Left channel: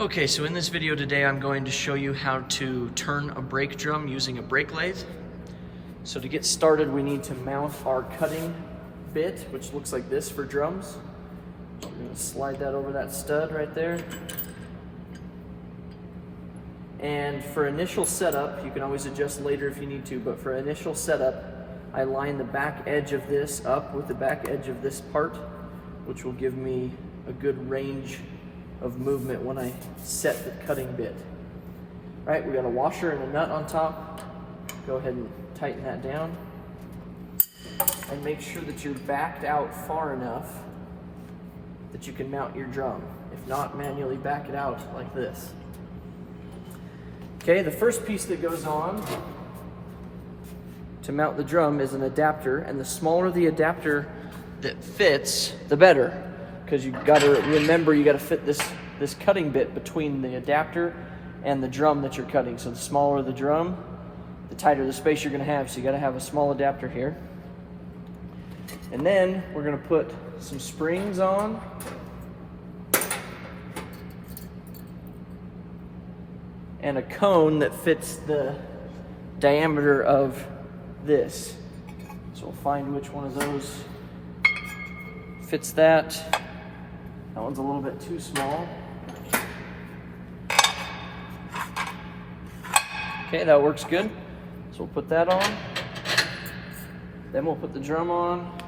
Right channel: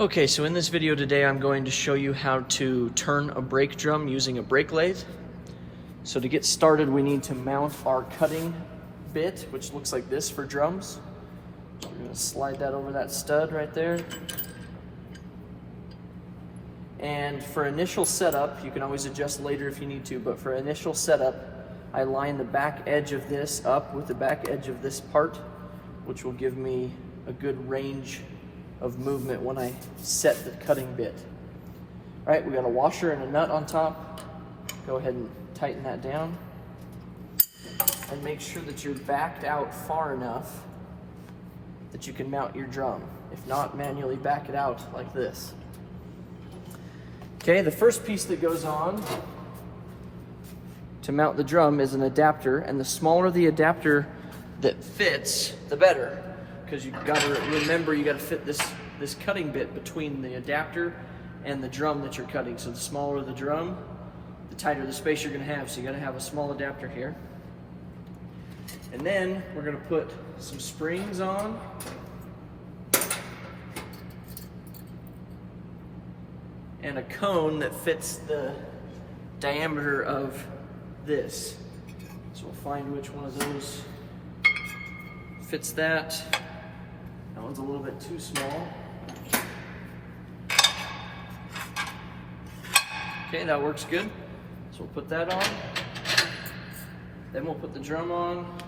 Okay, so in this video today, I'm going to show you how to turn a brake drum using a brake lathe. So to get started, we need to mount our cutting bit, which looks like this for drums. So we're going to slide that over that stud right there. And for initial setup, you can always adjust later if you need to, but for initial setup, I line the back edge of this up with the back edge of this part, which will give me a good range of movement when I set the cutting bit. All right, we got a washer and a nut on top. Go ahead and tighten that down. And make sure that you're backed out far enough that you can mount your drum. If not, manually back it out like this. Okay, the first piece that goes on to mount the drum is an adapter, and the smaller the adapter that fits, the better. Because you've got to remember, you got to fit this cutting bit between the adapter and the drum that you're cutting. So the smaller the drum, the tighter the space you're going to have. So you got to have a small adapter here. And then we're going to put some springs on. And a cone that fits the diameter of this. So we'll find which one of those fits that. That one's a little bit too small. Okay, that works good. So we'll put that on. Then we'll put the drum on.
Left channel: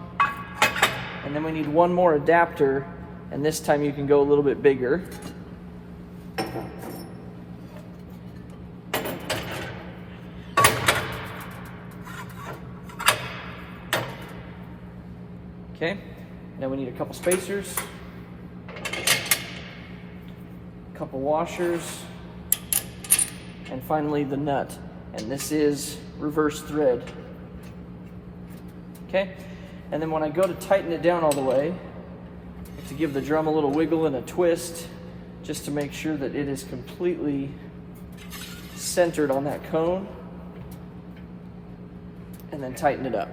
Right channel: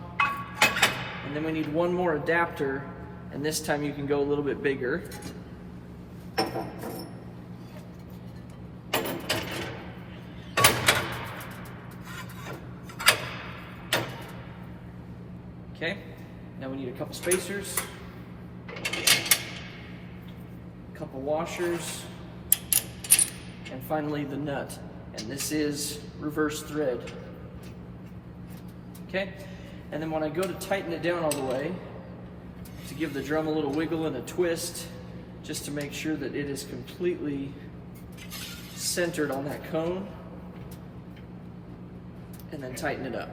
And then we need one more adapter, and this time you can go a little bit bigger. Okay, then we need a couple spacers, a couple washers, and finally the nut. And this is reverse thread. Okay, and then when I go to tighten it down all the way, to give the drum a little wiggle and a twist, just to make sure that it is completely centered on that cone, and then tighten it up.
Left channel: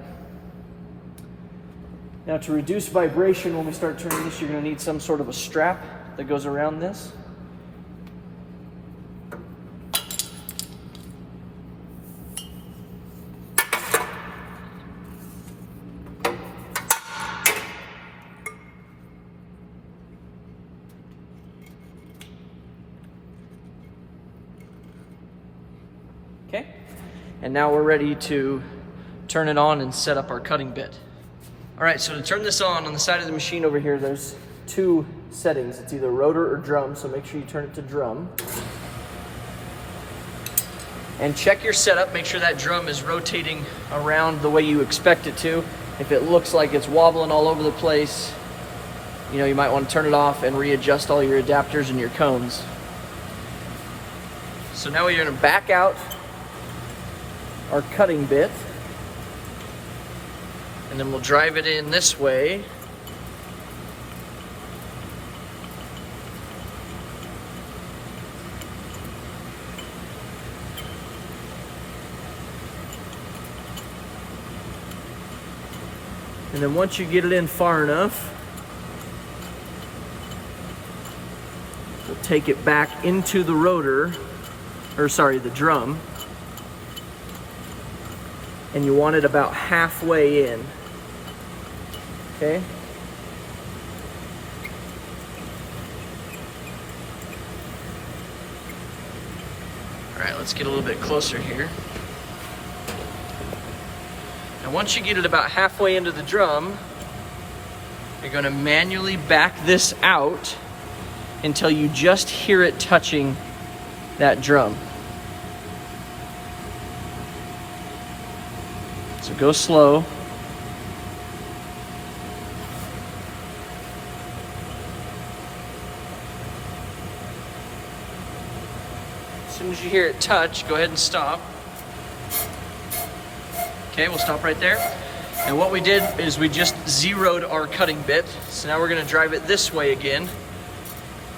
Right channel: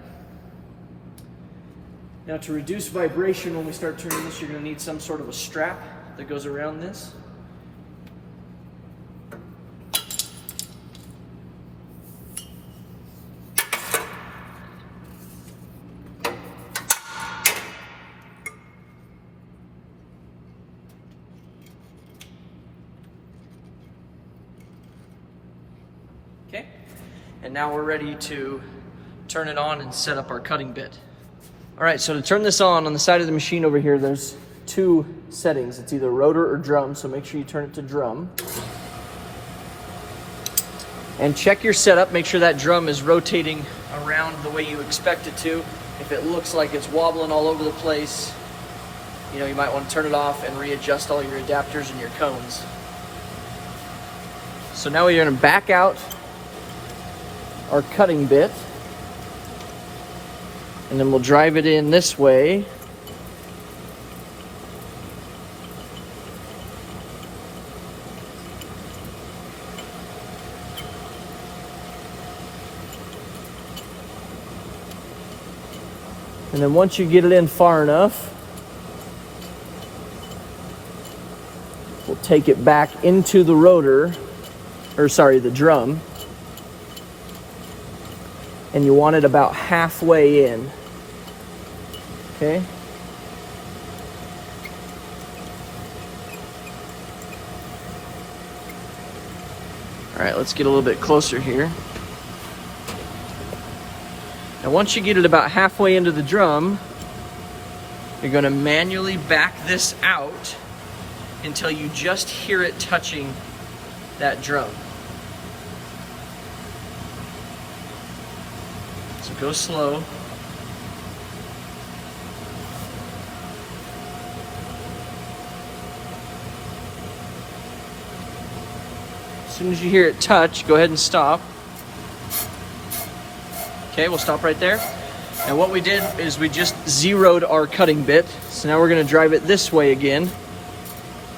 Now, to reduce vibration when we start turning this, you're going to need some sort of a strap that goes around this. Okay, and now we're ready to turn it on and set up our cutting bit. All right, so to turn this on the side of the machine over here, there's two settings. It's either rotor or drum, so make sure you turn it to drum. And check your setup, make sure that drum is rotating around the way you expect it to. If it looks like it's wobbling all over the place, you might want to turn it off and readjust all your adapters and your cones. So now we're going to back out our cutting bit. And then we'll drive it in this way. And then once you get it in far enough, we'll take it back into the rotor, the drum. And you want it about halfway in. Okay. All right, let's get a little bit closer here. Now, once you get it about halfway into the drum, you're going to manually back this out until you just hear it touching that drum. So go slow. As soon as you hear it touch, go ahead and stop. Okay, we'll stop right there. And what we did is we just zeroed our cutting bit. So now we're going to drive it this way again,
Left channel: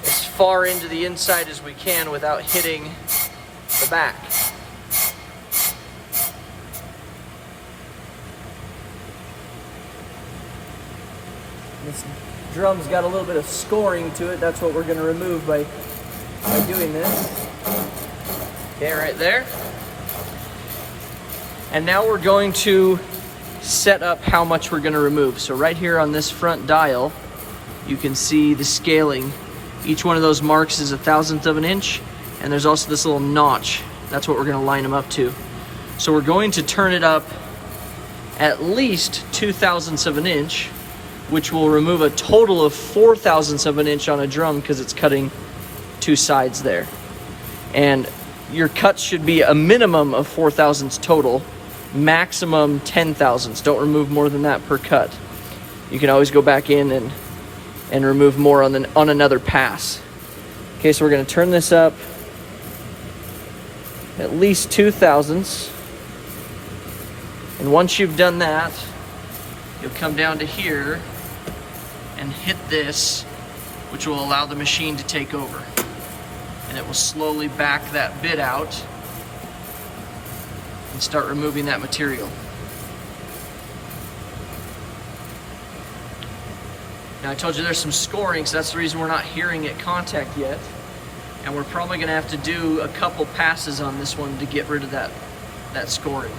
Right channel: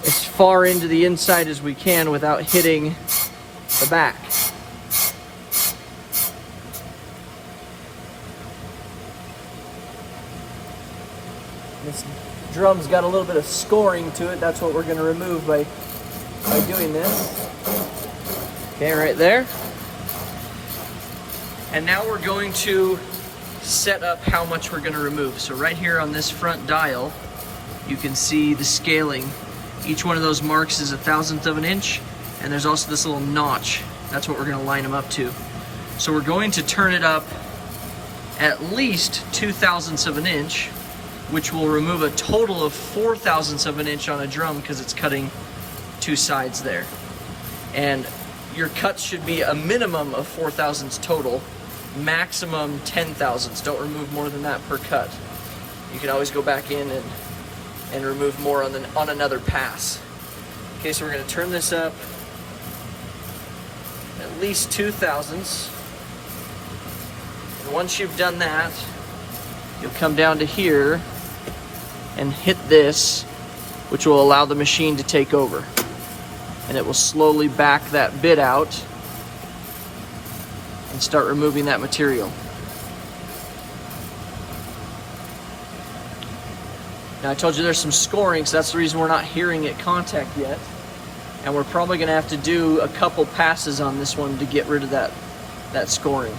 as far into the inside as we can without hitting the back. This drum's got a little bit of scoring to it. That's what we're going to remove by by doing this. Okay, right there. And now we're going to set up how much we're going to remove. So right here on this front dial, you can see the scaling. Each one of those marks is 1/1000th of an inch, and there's also this little notch. That's what we're going to line them up to. So we're going to turn it up at least 2/1000ths of an inch, which will remove a total of 4/1000ths of an inch on a drum because it's cutting two sides there. And your cuts should be a minimum of 4/1000ths total, maximum 10/1000ths. Don't remove more than that per cut. You can always go back in and remove more on another pass. Okay, so we're going to turn this up at least 2/1000ths. And once you've done that, you'll come down to here and hit this, which will allow the machine to take over. And it will slowly back that bit out and start removing that material. Now I told you there's some scoring, so that's the reason we're not hearing it contact yet. And we're probably gonna have to do a couple passes on this one to get rid of that scoring.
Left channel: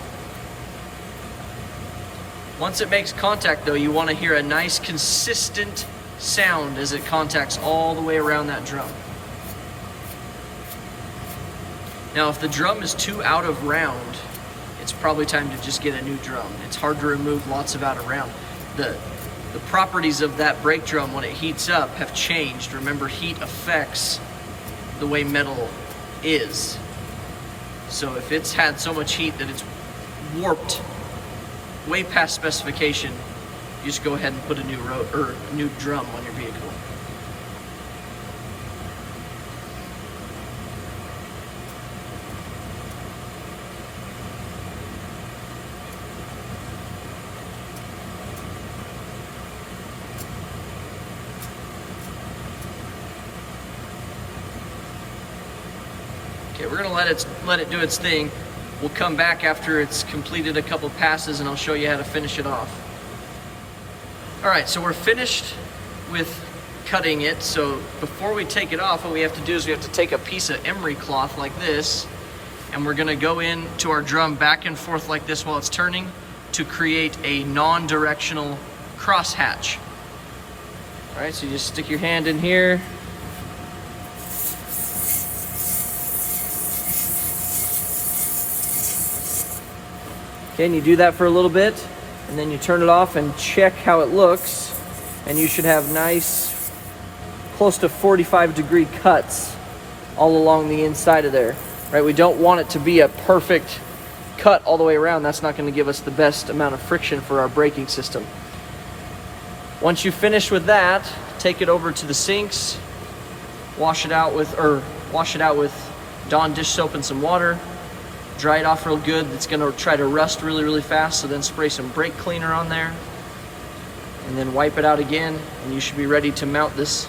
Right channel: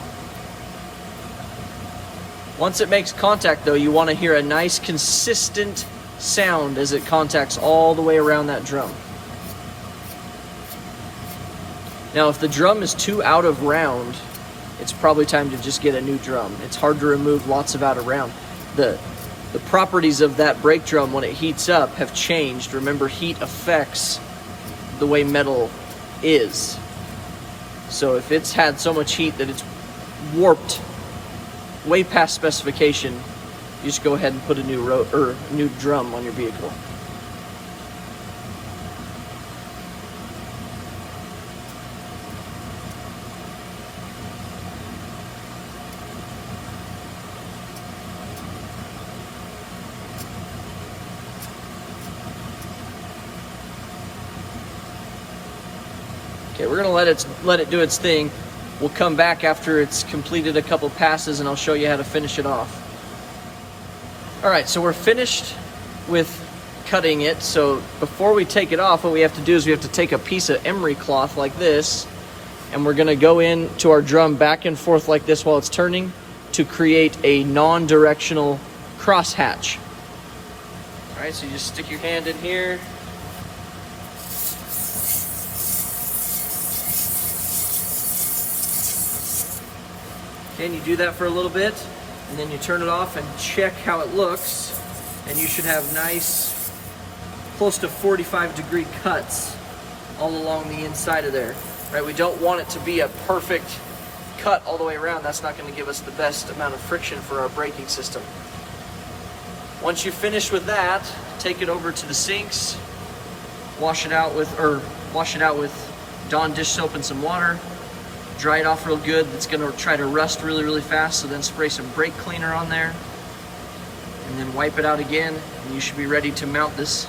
Once it makes contact though, you wanna hear a nice consistent sound as it contacts all the way around that drum. Now if the drum is too out of round, it's probably time to just get a new drum. It's hard to remove lots of out of round. The properties of that brake drum when it heats up have changed. Remember, heat affects the way metal is. So if it's had so much heat that it's warped way past specification, you just go ahead and put a new drum on your vehicle. Okay, we're gonna let it do its thing. We'll come back after it's completed a couple passes and I'll show you how to finish it off. All right, so we're finished with cutting it. So before we take it off, what we have to do is we have to take a piece of emery cloth like this, and we're gonna go into our drum back and forth like this while it's turning to create a non-directional crosshatch. All right, so you just stick your hand in here. Okay, and you do that for a little bit, and then you turn it off and check how it looks, and you should have nice, close to 45-degree cuts all along the inside of there. Right? We don't want it to be a perfect cut all the way around. That's not going to give us the best amount of friction for our braking system. Once you finish with that, take it over to the sinks, wash it out with Dawn dish soap and some water. Dry it off real good. It's gonna try to rust really, really fast, so then spray some brake cleaner on there and then wipe it out again, and you should be ready to mount this